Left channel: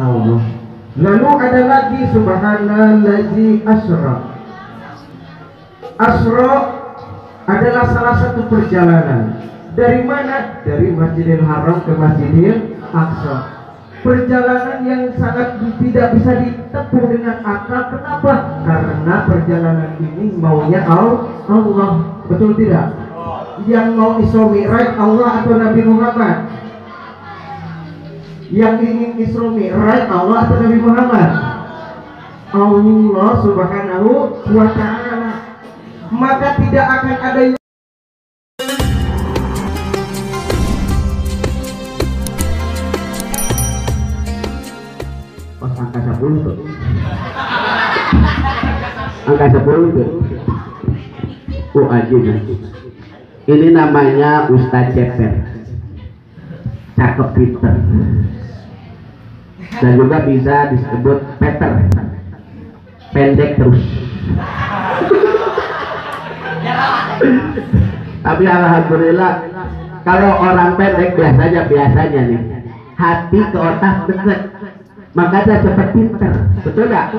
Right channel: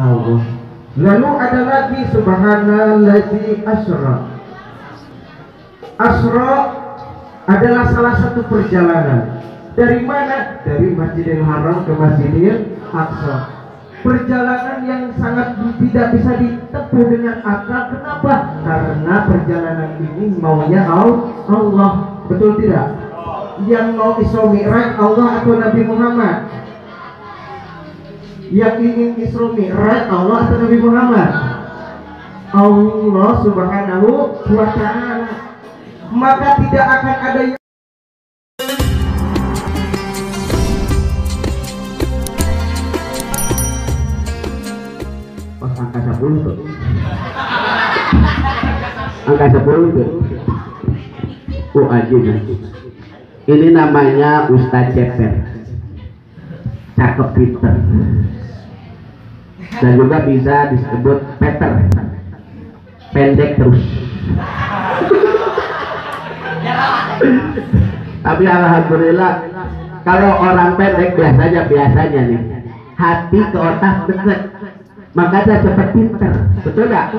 Allah. Lalu ada lagi subhanallazi asra. Asra adalah salah satu perjalanan. Dari mana? Dari Masjidil Haram ke Masjidil Aqsa. Perjalanan yang sangat tidak bisa ditempuh dengan akal. Kenapa? Karena perjalanan ini maunya Allah. Betul tidak? Yang mau Isra Mi'raj Allah atau Nabi Muhammad? Yang ingin Isra Mi'raj Allah atau Nabi Muhammad? Allah Subhanahu wa ta'ala. Maka tidak akan ada yang pas angka 10 tuh. Angka 10 tuh. Oh anjing. Ini namanya Ustadz Ceper. Cakep pinter. Dan juga bisa disebut Peter. Pendek terus. Tapi alhamdulillah kalau orang pendek biasanya nih hati ke otak deket, makanya cepat pinter. Betul gak?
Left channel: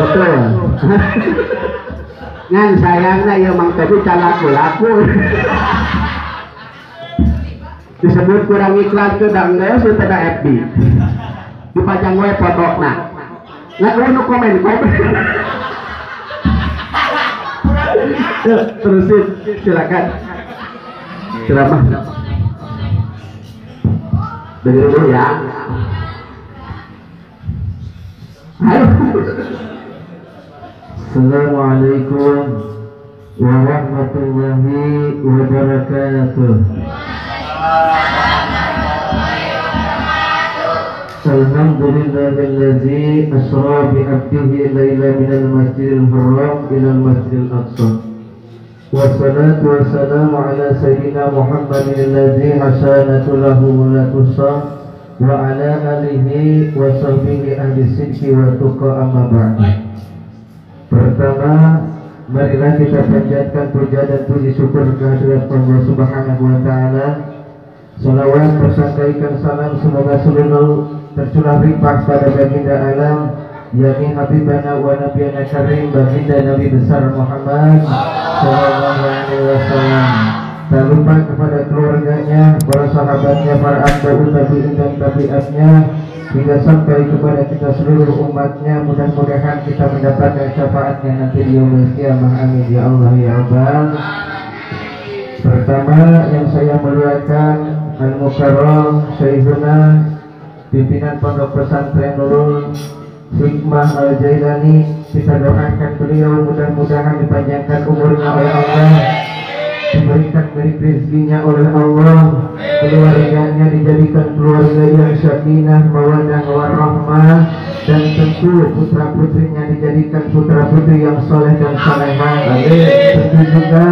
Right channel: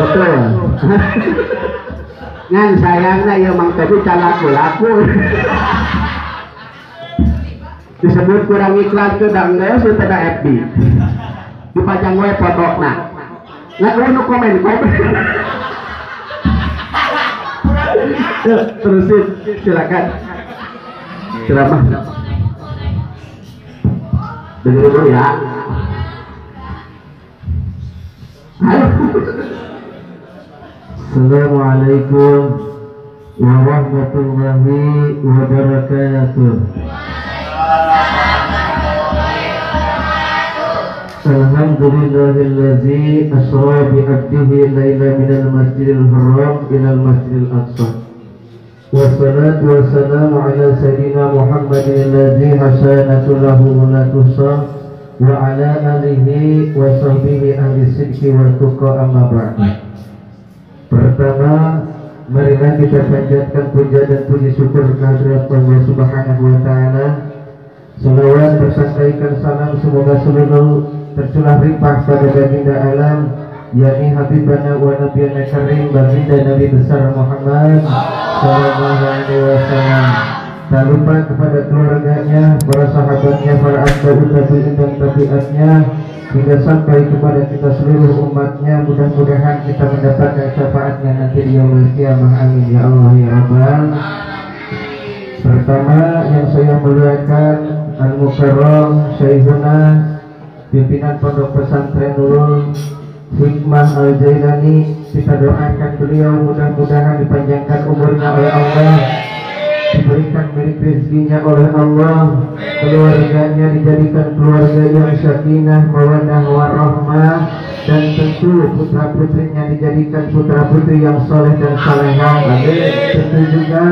Betul. Ngan sayangnya ya mang tadi laku disebut kurang iklan ke dangnya sudah ada FB dipajang web foto nggak mau komen terusin silakan ceramah dengerin dulu ya. Ayo. Assalamualaikum warahmatullahi wabarakatuh. Alhamdulillahillazi asra bi 'abdihi laila minal masjidil haram ilal masjidil aqsa. Wassalatu wassalamu ala sayyidina Muhammadin alladzi hasanatu lahu la tusa wa ala alihi wa sahbihi ahli sidqi wa tuqa amma ba'du. Pertama, marilah kita panjatkan puja dan puji syukur kehadirat Allah Subhanahu wa ta'ala. Salawat bersangkaikan salam semoga seluruh tercurah limpah pada baginda alam, yakni Habibana wa Nabiyana Karim, baginda Nabi besar Muhammad sallallahu alaihi wasallam. Tak lupa kepada keluarganya, para sahabatnya, para atba'ut tabi'in dan tabi'atnya, hingga sampai kepada kita seluruh umatnya. Mudah-mudahan kita mendapatkan syafaatnya nanti di yaumul qiyamah. Amin ya Allah ya Rabbal. Pertama yang saya muliakan Al-Mukarram Syekhuna pimpinan Pondok Pesantren Nurul Hikmah Al-Jailani, kita doakan beliau mudah-mudahan dipanjangkan umurnya oleh Allah, diberikan milik rezekinya oleh Allah, keluarganya dijadikan keluarga yang sakinah, mawaddah warahmah, dan tentu putra putrinya dijadikan putra putri yang soleh dan salehah. Tentu juga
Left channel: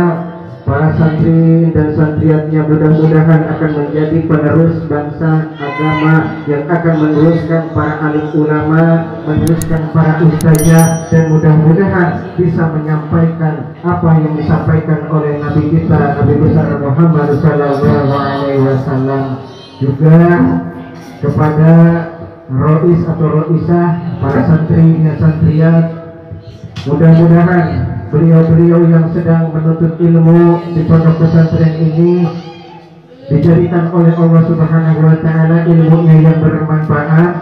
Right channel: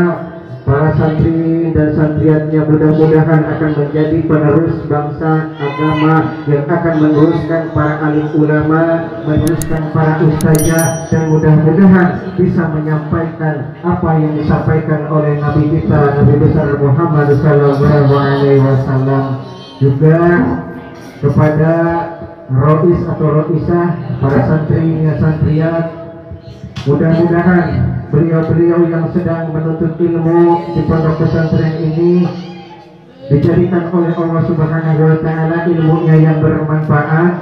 para santri dan santriatnya mudah-mudahan akan menjadi penerus bangsa agama yang akan meneruskan para alim ulama, meneruskan para ustazah, dan mudah-mudahan bisa menyampaikan apa yang disampaikan oleh Nabi kita, Nabi besar Muhammad sallallahu alaihi wasallam. Juga kepada rois atau roisah, para santrinya santriat, mudah-mudahan beliau-beliau yang sedang menuntut ilmu di pondok pesantren ini dijadikan oleh Allah Subhanahu wa ta'ala ilmunya yang bermanfaat,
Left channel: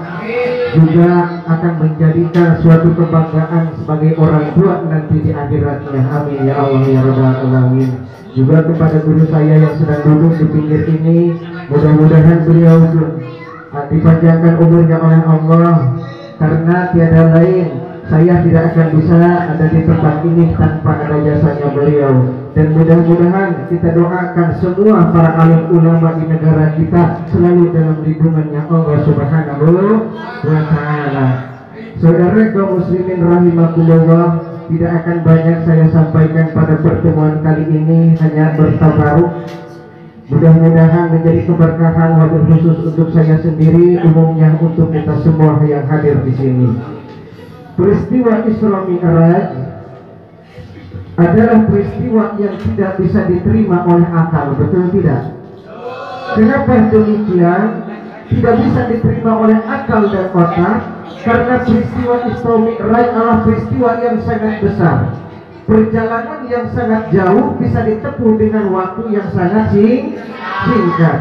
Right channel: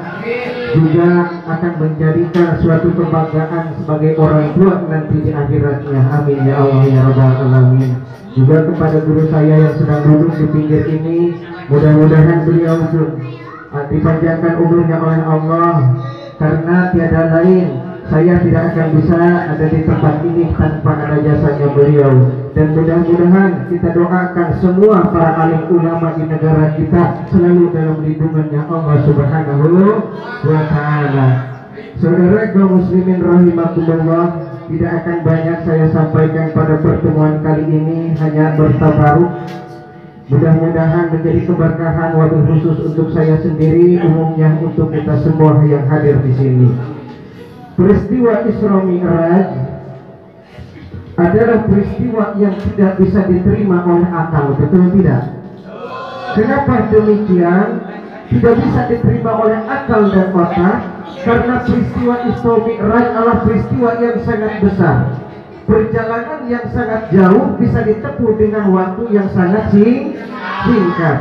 juga akan menjadikan suatu kebanggaan sebagai orang tua nanti di akhiratnya. Amin ya Allah ya Rabbal alamin. Juga kepada guru saya yang sedang duduk di pinggir ini, mudah-mudahan beliau dipanjangkan umurnya oleh Allah, karena tiada lain saya tidak akan bisa ada di tempat ini tanpa ada jasanya beliau. Dan mudah-mudahan kita doakan semua para alim ulama di negara kita selalu dalam lindungannya Allah Subhanahu wa ta'ala. Saudara kaum muslimin rahimakumullah, tidak akan banyak saya sampaikan pada pertemuan kali ini, hanya bertabaruk. Mudah-mudahan menjadi keberkahan wabil khusus untuk saya sendiri, umumnya untuk kita semua yang hadir di sini. Peristiwa Isra Mi'raj adalah peristiwa yang tidak bisa diterima oleh akal, betul tidak? Kenapa demikian? tidak bisa diterima oleh akal dan otak, karena peristiwa Isra Mi'raj adalah peristiwa yang sangat besar. Perjalanan yang sangat jauh bisa ditempuh dengan waktu yang sangat singkat.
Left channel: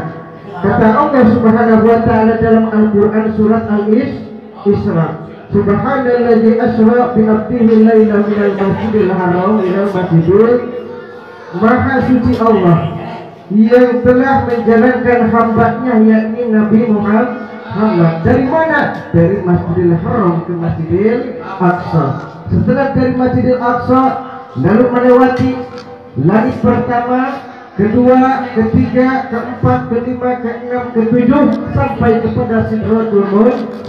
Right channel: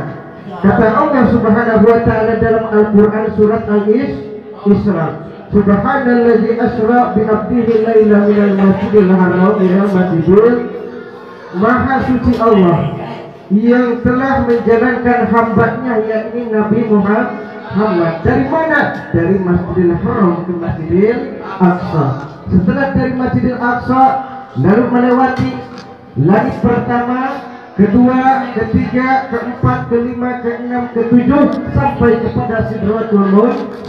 Kata Allah Subhanahu wa taala dalam Al-Qur'an surat Al-Isra, Subhanalladzi asra bi 'abdihi laila minal masjidil haram ilal masjidil. Maha suci Allah yang telah menjalankan hambanya yakni Nabi Muhammad dari mana? Dari Masjidil Haram ke Masjidil Aqsa. Setelah dari Masjidil Aqsa lalu melewati langit pertama, kedua, ketiga, keempat, kelima, keenam, ketujuh sampai kepada Sidratul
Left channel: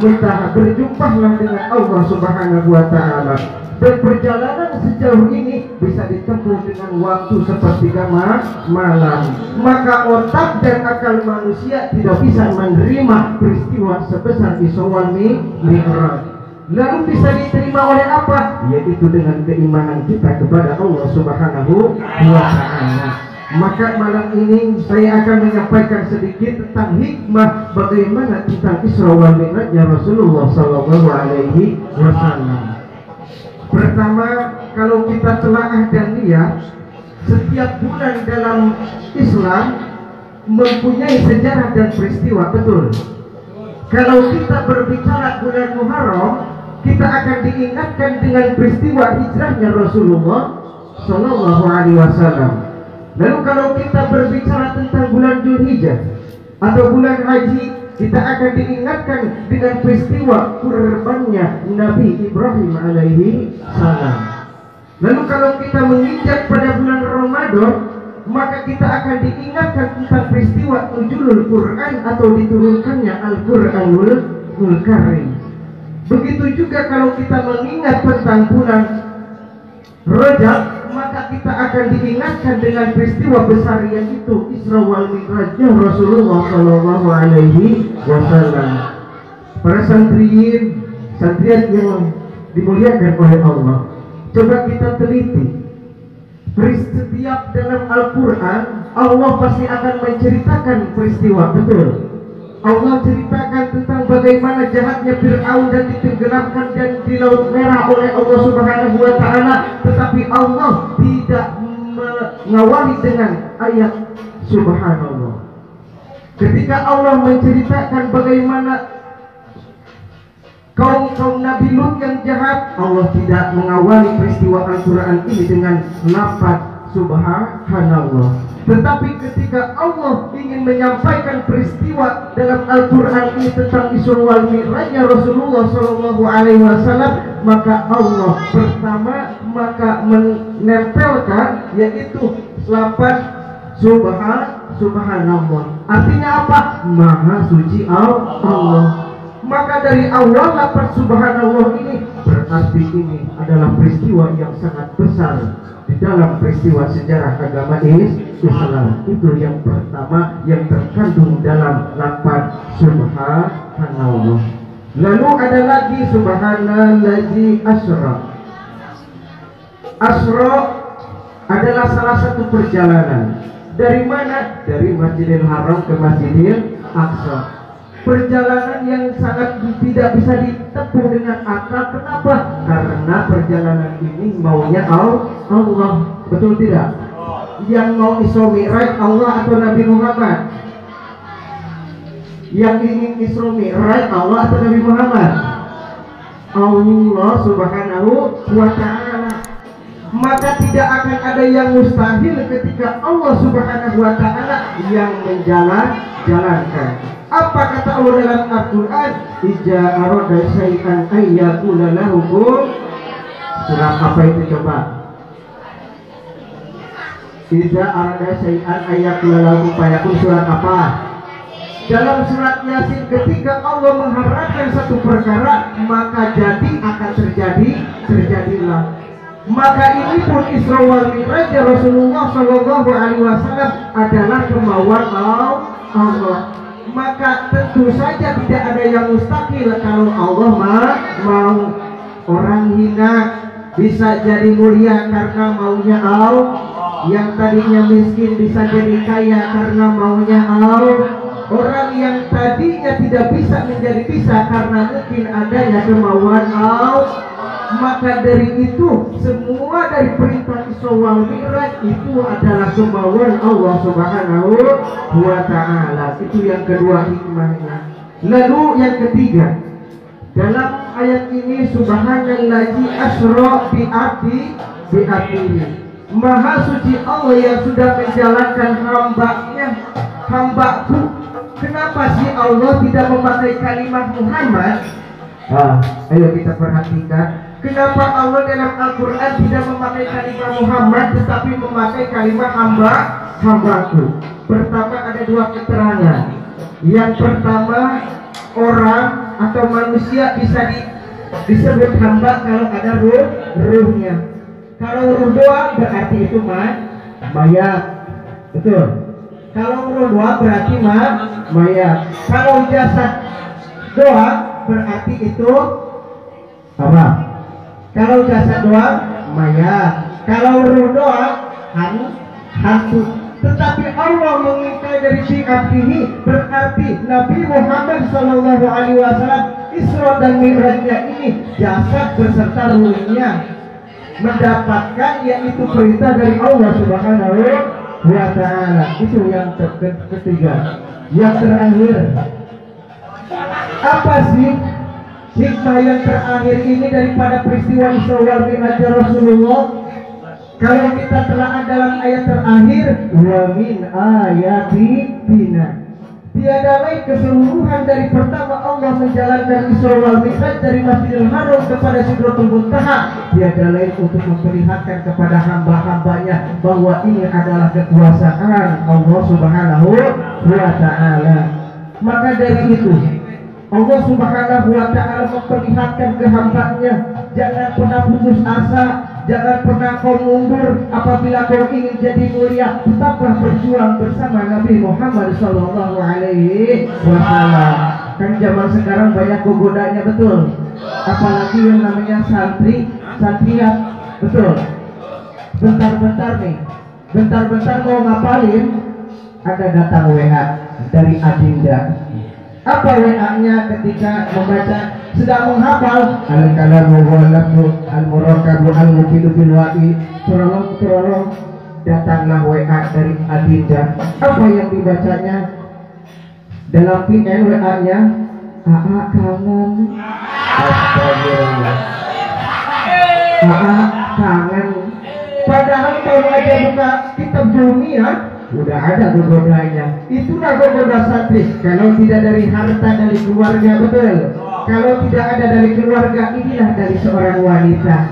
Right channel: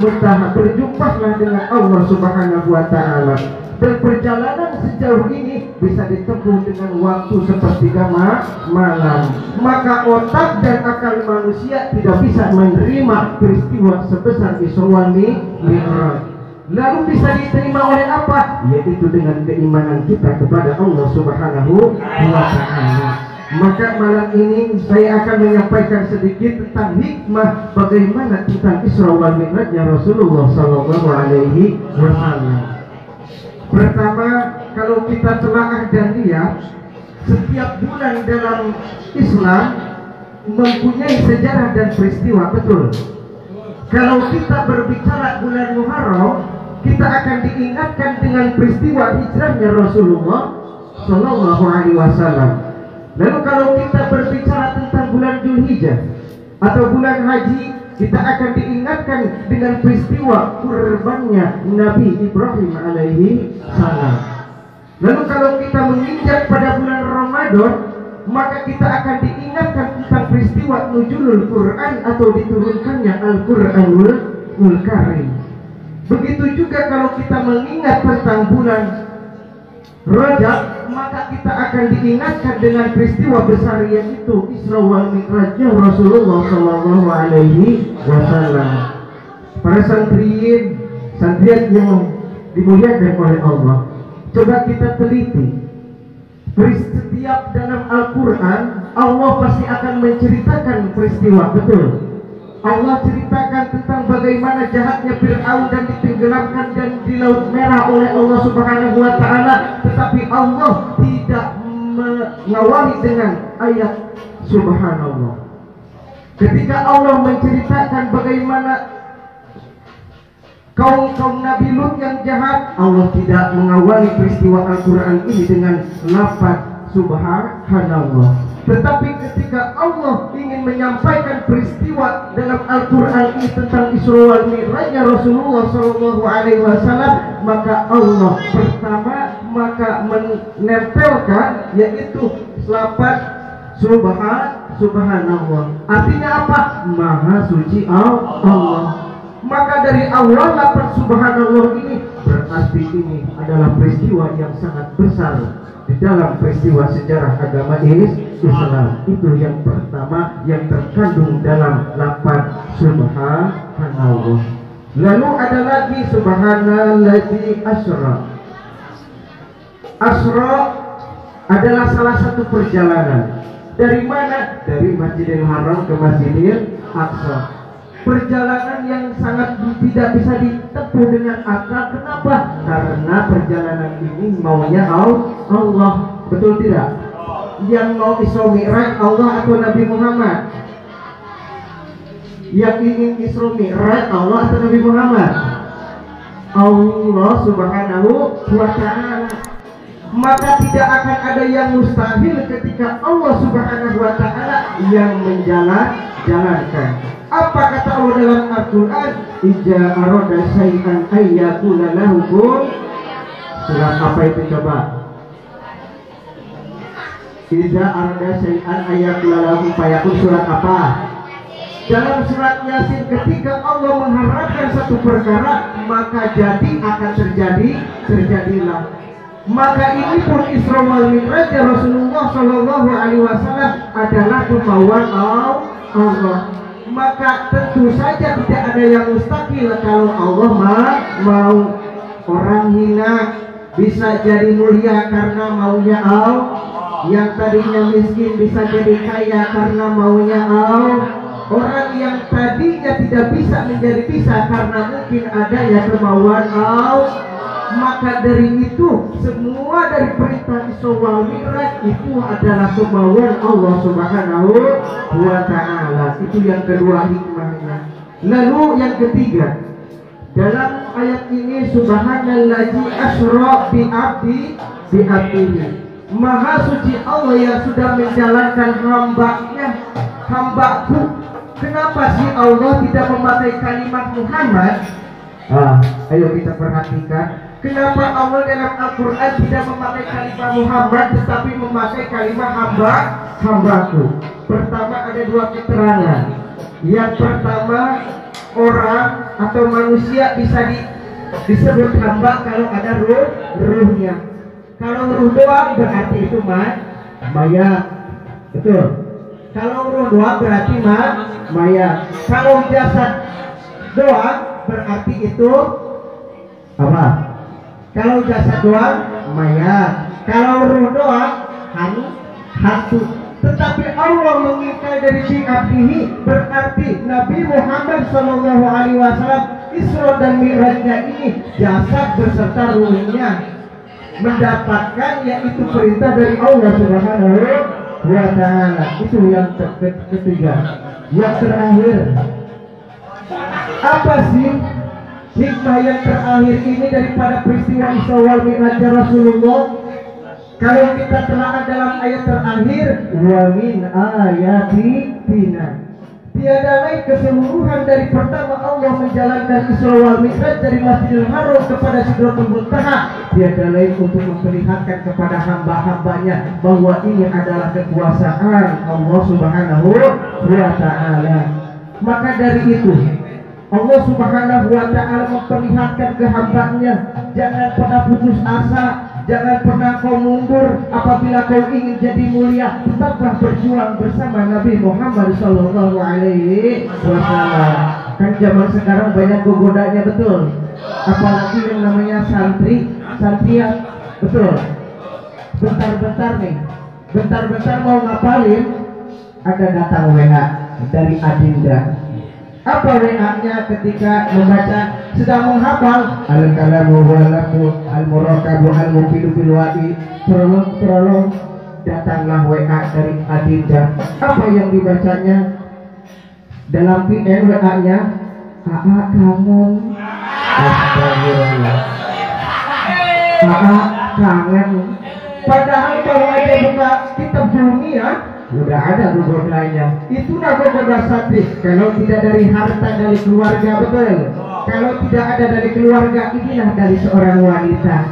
Muntaha. Berjumpahlah dengan Allah Subhanahu wa taala. Dan perjalanan sejauh ini bisa ditempuh dengan waktu sepertiga malam. Maka otak dan akal manusia tidak bisa menerima peristiwa sebesar Isra wal Mi'raj. Lalu bisa diterima oleh apa? Yaitu dengan keimanan kita kepada Allah Subhanahu wa taala. Maka malam ini saya akan menyampaikan sedikit tentang hikmah bagaimana tentang Isra wal Mi'rajnya Rasulullah sallallahu alaihi wasallam. Pertama, kalau kita telaah dan lihat, setiap bulan dalam Islam mempunyai sejarah dan peristiwa, betul. Kalau kita berbicara bulan Muharram, kita akan diingatkan dengan peristiwa hijrahnya Rasulullah Sallallahu Alaihi Wasallam. Lalu kalau kita berbicara tentang bulan Dzulhijjah atau bulan Haji, kita akan diingatkan dengan peristiwa kurbannya Nabi Ibrahim alaihi salam. Lalu kalau kita menginjak pada bulan Ramadan, maka kita akan diingatkan tentang peristiwa nuzulul Quran atau diturunkannya Al-Quranul Karim. Begitu juga kalau kita mengingat tentang bulan Rajab, maka kita akan diingatkan dengan peristiwa besar yaitu Isra wal Mi'rajnya Rasulullah sallallahu alaihi wasallam. Para santriat yang dimuliakan oleh Allah, coba kita teliti. Setiap dalam Al-Quran Allah pasti akan menceritakan peristiwa, betul. Allah ceritakan tentang bagaimana jahatnya Fir'aun dan ditenggelamkan dan di Laut Merah oleh Allah Subhanahu wa taala, tetapi Allah tidak mengawali dengan ayat subhanallah. Ketika Allah menceritakan bagaimana kaum Nabi Lut yang jahat, Allah tidak mengawali peristiwa Al-Quran ini dengan lafaz subhanallah. Tetapi ketika Allah ingin menyampaikan peristiwa dalam Al-Quran ini tentang Isra wal Mi'rajnya Rasulullah Sallallahu Alaihi Wasallam, maka Allah pertama menempelkan yaitu lafaz subhanallah. Artinya apa? Maha suci Allah. Maka dari awal lafaz subhanallah ini berarti ini adalah peristiwa yang sangat besar di dalam peristiwa sejarah agama Islam. Itu yang pertama yang terkandung dalam lafaz subhanallah. Lalu ada lagi subhanalladzi asra. Asra adalah salah satu perjalanan. Dari mana? Dari Masjidil Haram ke Masjidil Aqsa. Perjalanan yang sangat tidak bisa ditempuh dengan akal. Kenapa? Karena perjalanan ini maunya Allah, betul tidak? Yang mau Isra Mi'raj Allah atau Nabi Muhammad? Yang ingin Isra Mi'raj Allah atau Nabi Muhammad? Allah Subhanahu wa ta'ala. Maka tidak akan ada yang mustahil ketika Allah Subhanahu wa ta'ala yang menjalankan. Apa kata Allah dalam Al-Quran? Ija arada syai'an ayyakula lahu kun. Surat apa itu coba? Ija arada syai'an ayyakula lahu fayakun. Surat apa? Dalam surat Yasin, ketika Allah mengharapkan satu perkara, maka jadi akan terjadilah. Maka ini pun Isra wal Mi'raj Rasulullah Sallallahu Alaihi Wasallam adalah kemauan Allah. Maka tentu saja tidak ada yang mustahil kalau Allah mau. Orang hina bisa jadi mulia karena maunya Allah. Yang tadinya miskin bisa jadi kaya karena maunya Allah. Orang yang tadinya tidak bisa menjadi bisa karena mungkin adanya kemauan Allah, maka dari itu semua dari perintah Isra wal Mi'raj itu adalah kemauan Allah Subhanahu wa ta'ala. Itu yang kedua hikmahnya. Lalu yang ketiga, dalam ayat ini subhanallazi asra bi abdihi. Maha suci Allah yang sudah menjalankan hambaku. Kenapa sih Allah tidak memakai kalimat Muhammad? Ayo kita perhatikan. Kenapa Allah dalam Al-Quran tidak memakai kalimat Muhammad tetapi memakai kalimat hambaku? Pertama ada dua keterangan. Yang pertama, orang atau manusia bisa disebut hamba kalau ada ruhnya. Kalau ruh doang berarti itu mayat. Betul. Kalau ruh doang berarti mayat. Kalau jasad doang berarti itu apa? Kalau jasad doang mayat. Kalau ruh doang hantu. Tetapi Allah mengingkari dari bi'abdihi, berarti Nabi Muhammad SAW Isra dan Mi'rajnya ini jasad berserta ruhnya mendapatkan yaitu perintah dari Allah Subhanahu wa ta'ala. Itu yang ketiga. Yang terakhir, apa sih hikmah yang terakhir ini daripada peristiwa Isra wal Mi'raj Rasulullah? Kalau kita telah dalam ayat terakhir, wa min ayatina, tiada lain keseluruhan dari pertama Allah menjalankan Isra wal Mi'raj dari Masjidil Haram kepada Sidratul Muntaha, tiada lain untuk memperlihatkan kepada hamba-hambanya bahwa ini adalah kekuasaan Allah Subhanahu wa ta'ala. Maka dari itu Allah Subhanahu wa ta'ala memperlihatkan ke hambanya, jangan pernah putus asa, jangan pernah kau mundur. Apabila kau ingin jadi mulia, tetaplah berjuang bersama Nabi Muhammad sallallahu alaihi wasallam. Kan zaman sekarang banyak gogodanya, betul. Apalagi yang namanya santriat, betul. Bentar-bentar mau ngapalin, ada datang WA dari Adinda. Apa WA-nya ketika membaca sedang menghafal al-kalamu wal-lafzu al-murakabu al-mufidu bil wa'i, tolong datanglah WA dari Adinda. Apa yang dibacanya dalam PN WA-nya? AA kangen. Astagfirullah. AA kangen. Padahal kalau aja buka kitab Jumiyah udah ada gogodanya. Itulah gogoda santri. Kalau tidak dari harta, dari keluarga, betul. Kalau tidak ada dari keluarga, inilah dari seorang wanita.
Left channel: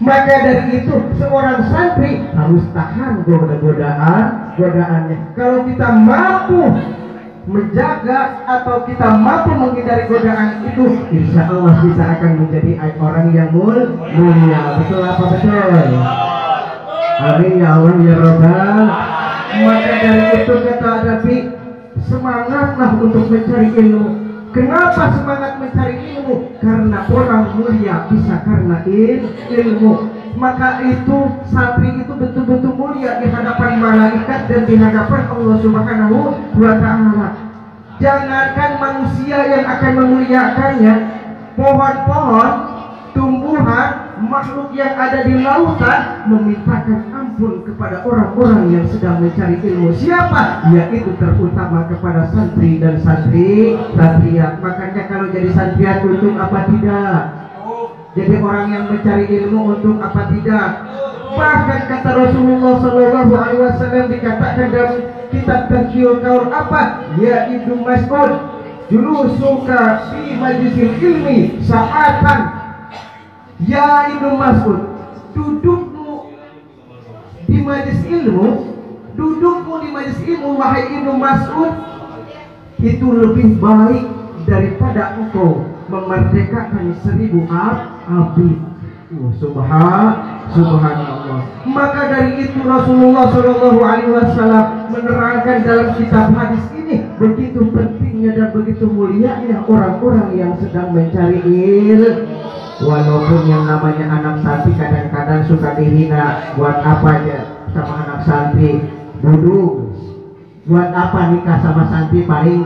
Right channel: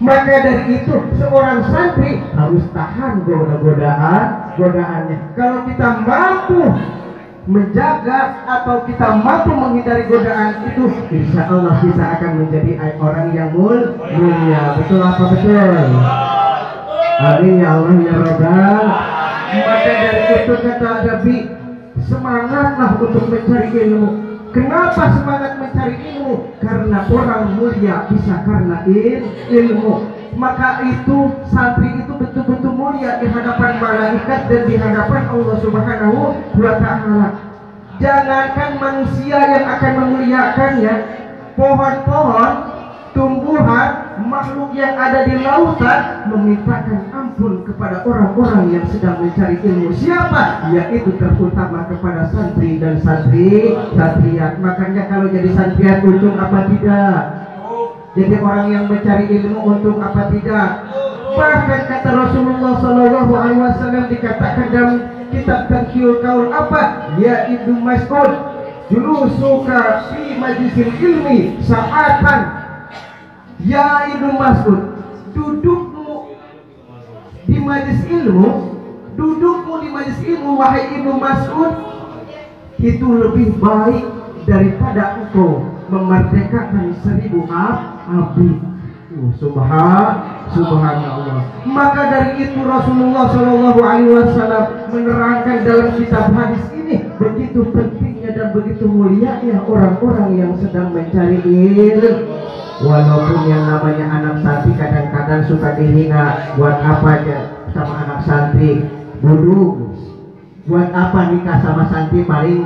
Maka dari itu seorang santri harus tahan godaannya. Kalau kita mampu menjaga atau kita mampu menghindari godaan itu, insya Allah kita akan menjadi orang yang mulia. Betul apa betul? Amin ya Allah ya Rabbal. Maka dari itu kata Nabi, semangatlah untuk mencari ilmu. Kenapa semangat mencari ilmu? Karena orang mulia bisa karena ilmu. Maka itu santri itu betul-betul mulia di hadapan malaikat dan di hadapan Allah Subhanahu wa ta'ala. Jangankan manusia yang akan memuliakannya, pohon-pohon, tumbuhan, makhluk yang ada di lautan memintakan ampun kepada orang-orang yang sedang mencari ilmu. Siapa? Yaitu terutama kepada santri dan santriat. Makanya kalau jadi santriat untuk apa tidak? Jadi orang yang mencari ilmu untuk apa tidak? Bahkan kata Rasulullah Shallallahu Alaihi Wasallam dikatakan dalam kitab Tazkiyul Qaul apa? Ya Ibnu Mas'ud, julusuka fi majlisil ilmi sa'atan. Ya Ibnu Mas'ud, dudukmu di majlis ilmu, wahai Ibnu Mas'ud, itu lebih baik daripada engkau memerdekakan 1000 abid. Subhanallah. Maka dari itu Rasulullah Shallallahu Alaihi Wasallam menerangkan dalam kitab hadis ini begitu pentingnya dan begitu mulianya orang-orang yang sedang mencari ilmu. Walaupun yang namanya anak santri kadang-kadang suka dihina, buat apa aja sama anak santri, duduk Buat apa nikah sama santri? Paling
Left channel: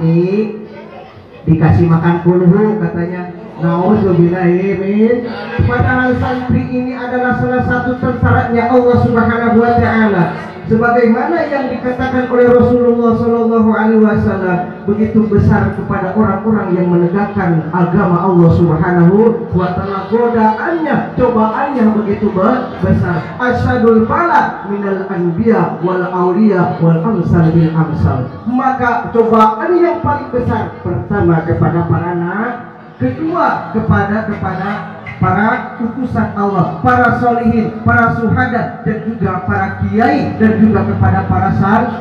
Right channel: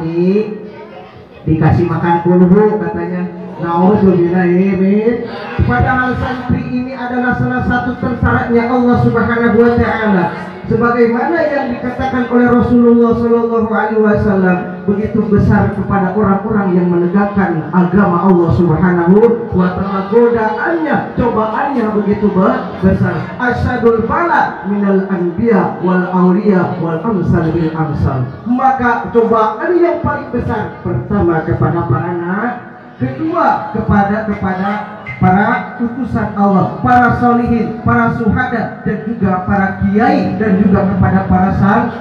dikasih makan kulhu katanya. Nauzubillahimin. Padahal santri ini adalah salah satu tentaranya Allah Subhanahu wa taala. Sebagaimana yang dikatakan oleh Rasulullah Shallallahu Alaihi Wasallam, begitu besar kepada orang-orang yang menegakkan agama Allah Subhanahu wa taala. Godaannya, cobaannya begitu besar. Asyadul bala minal anbiya wal auliya wal amsal bil amsal. Maka cobaan yang paling besar pertama kepada para nabi, kedua kepada para utusan Allah, para solihin, para suhada, dan juga para kiai, dan juga kepada para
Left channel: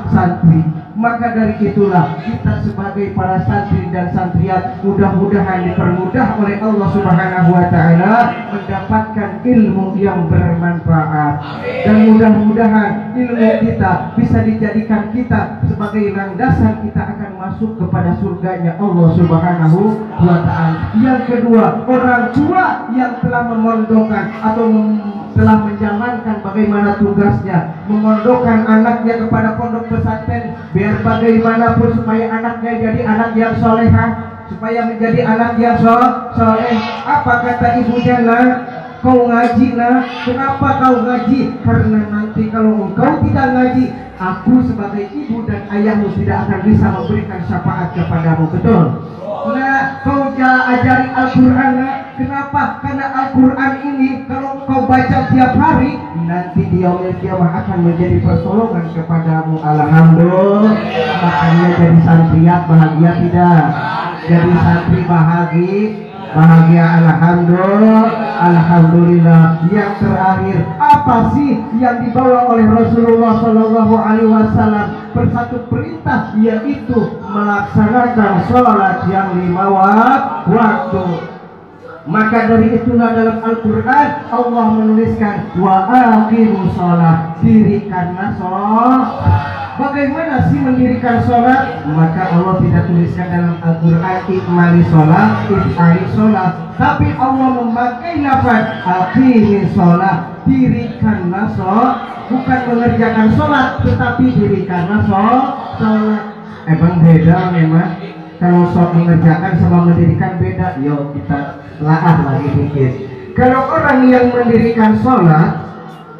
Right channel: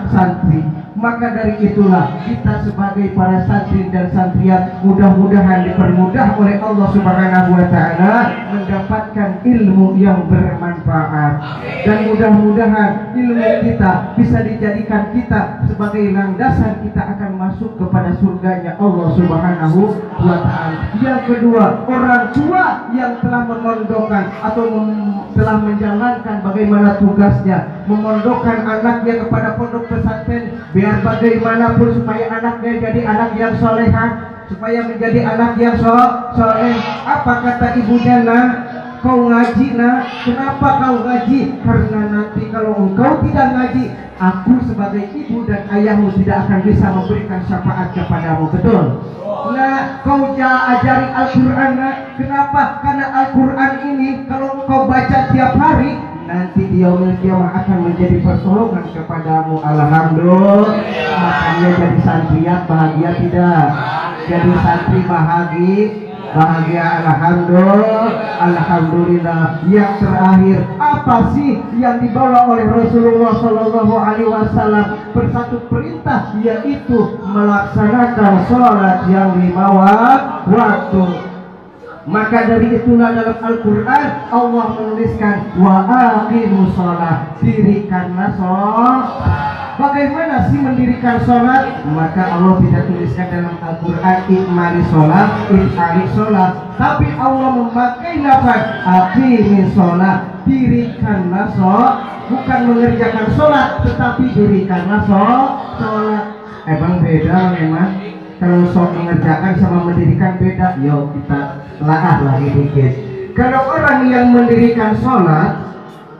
santri. Maka dari itulah kita sebagai para santri dan santriat mudah-mudahan dipermudah oleh Allah Subhanahu wa taala mendapatkan ilmu yang bermanfaat. Dan mudah-mudahan ilmu kita bisa dijadikan kita sebagai landasan kita akan masuk kepada surganya Allah Subhanahu wa taala. Yang kedua, orang tua yang telah memondokkan atau telah menjalankan bagaimana tugasnya memondokkan anaknya kepada pondok pesantren, biar bagaimanapun supaya anaknya jadi anak yang solehah, supaya menjadi anak yang soleh. Apa kata ibunya? Nak, kau ngaji nak. Kenapa kau ngaji? Karena nanti kalau engkau tidak ngaji, aku sebagai ibu dan ayahmu tidak akan bisa memberikan syafaat kepadamu. Betul? Nah, kau ajari Al-Quran nak. Kenapa? Karena Al-Quran ini kalau engkau baca tiap hari, nanti di yaumil kiamah akan menjadi pertolongan kepadamu. Alhamdulillah. Makanya jadi santriat bahagia tidak? Jadi santri bahagia. Alhamdulillah. Yang terakhir, apa sih yang dibawa oleh Rasulullah Shallallahu Alaihi Wasallam? Bersatu perintah, yaitu melaksanakan sholat yang 5 waktu. Maka dari itulah dalam Al-Quran Allah menuliskan wa aqimus sholat, dirikanlah sholat. Bagaimana sih mendirikan sholat? Maka Allah tidak tuliskan dalam Al-Quran ikmali sholat, tapi Allah memakai lafaz aqimis sholat, dirikanlah sholat. Bukan mengerjakan sholat, tetapi dirikanlah sholat. Emang beda memang. Kalau sok mengerjakan sama mendirikan beda. Yuk kita laah lagi dikit. Kalau orang yang mendirikan sholat,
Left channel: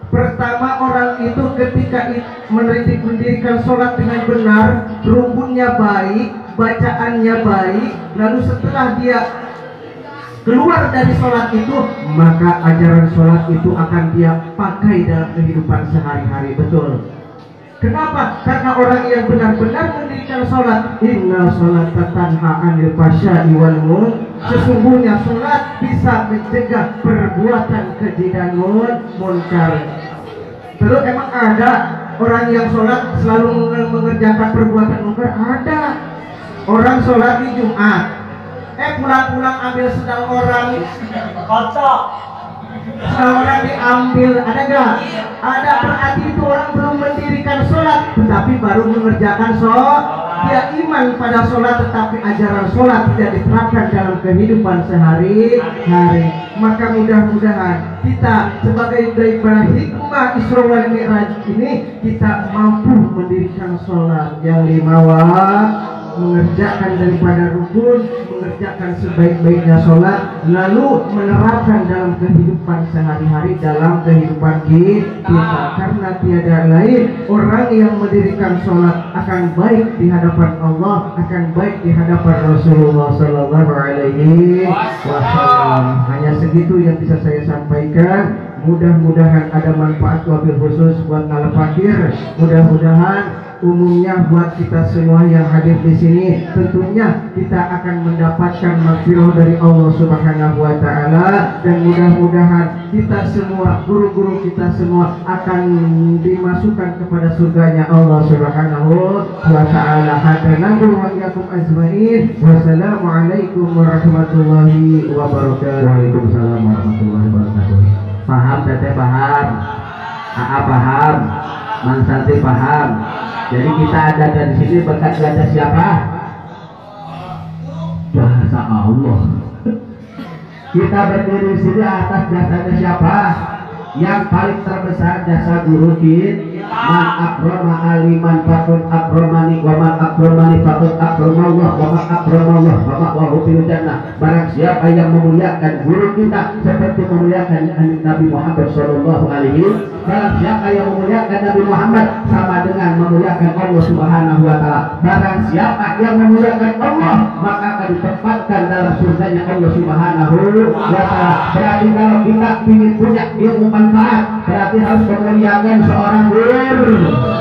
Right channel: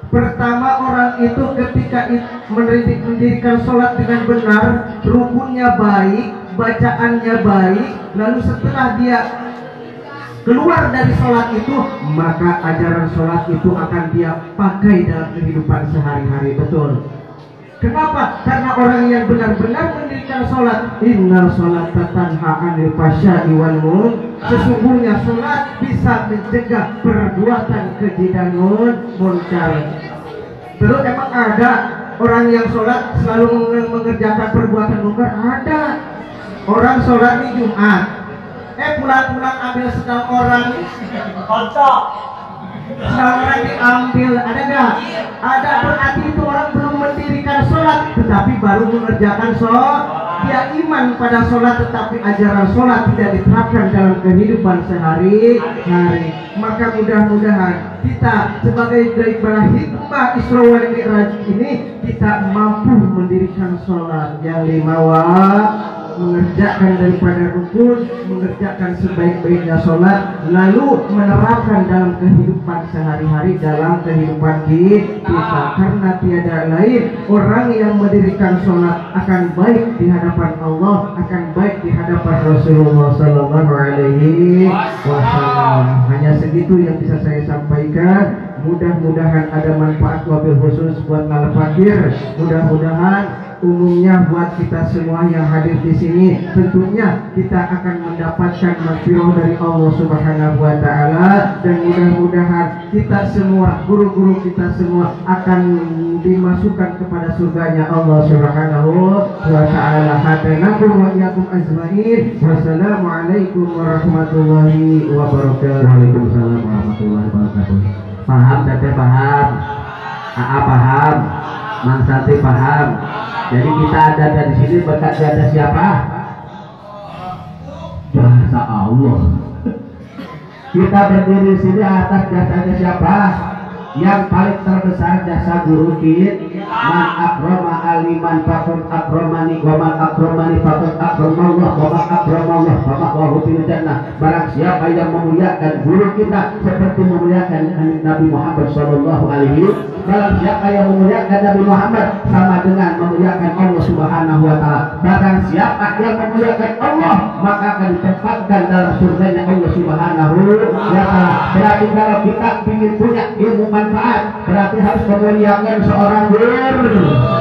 pertama orang itu ketika mendirikan sholat dengan benar, rukunnya baik, bacaannya baik, lalu setelah dia keluar dari sholat itu, maka ajaran sholat itu akan dia pakai dalam kehidupan sehari-hari. Betul. Kenapa? Karena orang yang benar-benar mendirikan sholat, inna sholata tanha 'anil fahsya'i wal munkar, sesungguhnya sholat bisa mencegah perbuatan keji dan munkar. Terus emang ada orang yang sholat selalu mengerjakan perbuatan munkar? Ada. Orang sholat di Jumat, pulang-pulang ambil sendal orang, orang diambil, ada gak? Ada. Berarti itu orang belum mendirikan sholat, tetapi baru mengerjakan sholat. Dia iman pada sholat, tetapi ajaran sholat tidak diterapkan dalam kehidupan sehari-hari. Maka mudah-mudahan kita sebagai daripada hikmah Isra wal Mi'raj ini, kita mampu mendirikan sholat yang 5 waktu, mengerjakan daripada rukun, mengerjakan sebaik-baiknya sholat, lalu menerapkan dalam kehidupan sehari-hari, dalam kehidupan kita. Karena tiada lain, orang yang mendirikan sholat akan baik di hadapan Allah, akan baik di hadapan Rasulullah Sallallahu Alaihi Wasallam. Hanya segitu yang bisa saya sampaikan. Mudah-mudahan ada manfaat wabil khusus buat al-fakir. Mudah-mudahan umumnya buat kita semua yang hadir di sini, tentunya kita akan mendapatkan maghfirah dari Allah Subhanahu wa taala, dan mudah-mudahan kita semua, guru-guru kita semua akan dimasukkan kepada surganya Allah Subhanahu wa taala. Hadanaqul wa iyyakum ajmain. Wassalamualaikum warahmatullahi wabarakatuh. Waalaikumsalam warahmatullahi wabarakatuh. Paham teteh, paham. AA paham. Mang Santri paham. Jadi kita ada di sini berkat jasa siapa? Jasa Allah. Kita berdiri di sini atas jasanya siapa? Yang paling terbesar jasa guru kita. Man akrama aliman faqad akramani wa man akramani faqad akramallah wa man akramallah faqad wa fil jannah. Barang siapa yang memuliakan guru kita seperti memuliakan Nabi Muhammad sallallahu alaihi wasallam, barang siapa yang memuliakan Nabi Muhammad sama dengan memuliakan Allah Subhanahu wa taala. Barang siapa yang memuliakan Allah maka akan ditempatkan dalam surganya Allah Subhanahu wa taala. Berarti kalau kita ingin punya ilmu manfaat, berarti harus memuliakan seorang guru.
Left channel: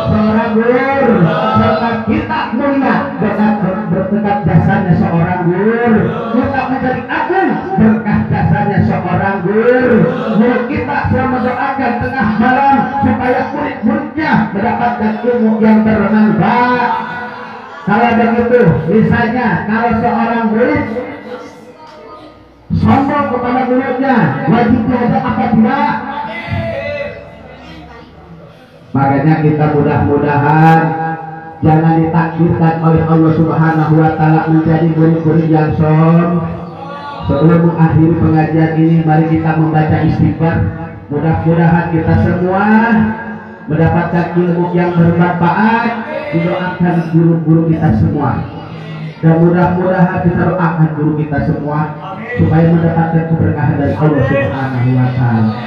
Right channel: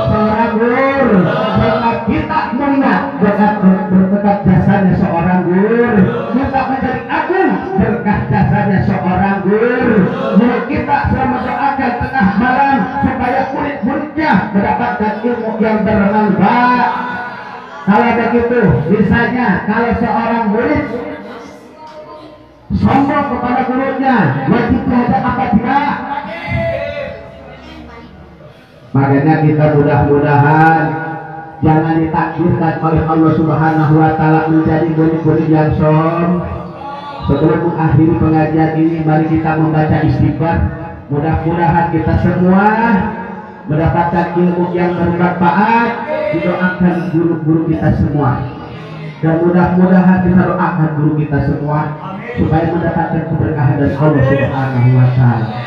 Seorang guru, berkat kita mulia berkat jasanya seorang guru. Kita menjadi agung berkat jasanya seorang guru. Guru kita selalu mendoakan tengah malam supaya murid-muridnya mendapatkan ilmu yang bermanfaat. Kalau begitu, misalnya kalau seorang murid sombong kepada gurunya, wajib belajar apa tidak? Makanya kita mudah-mudahan jangan ditakdirkan oleh Allah Subhanahu wa taala menjadi murid-murid yang sombong. Sebelum mengakhiri pengajian ini, mari kita membaca istighfar. Mudah-mudahan kita semua mendapatkan ilmu yang bermanfaat. Didoakan guru-guru kita semua, dan mudah-mudahan kita doakan guru kita semua supaya mendapatkan keberkahan dari Allah Subhanahu wa taala.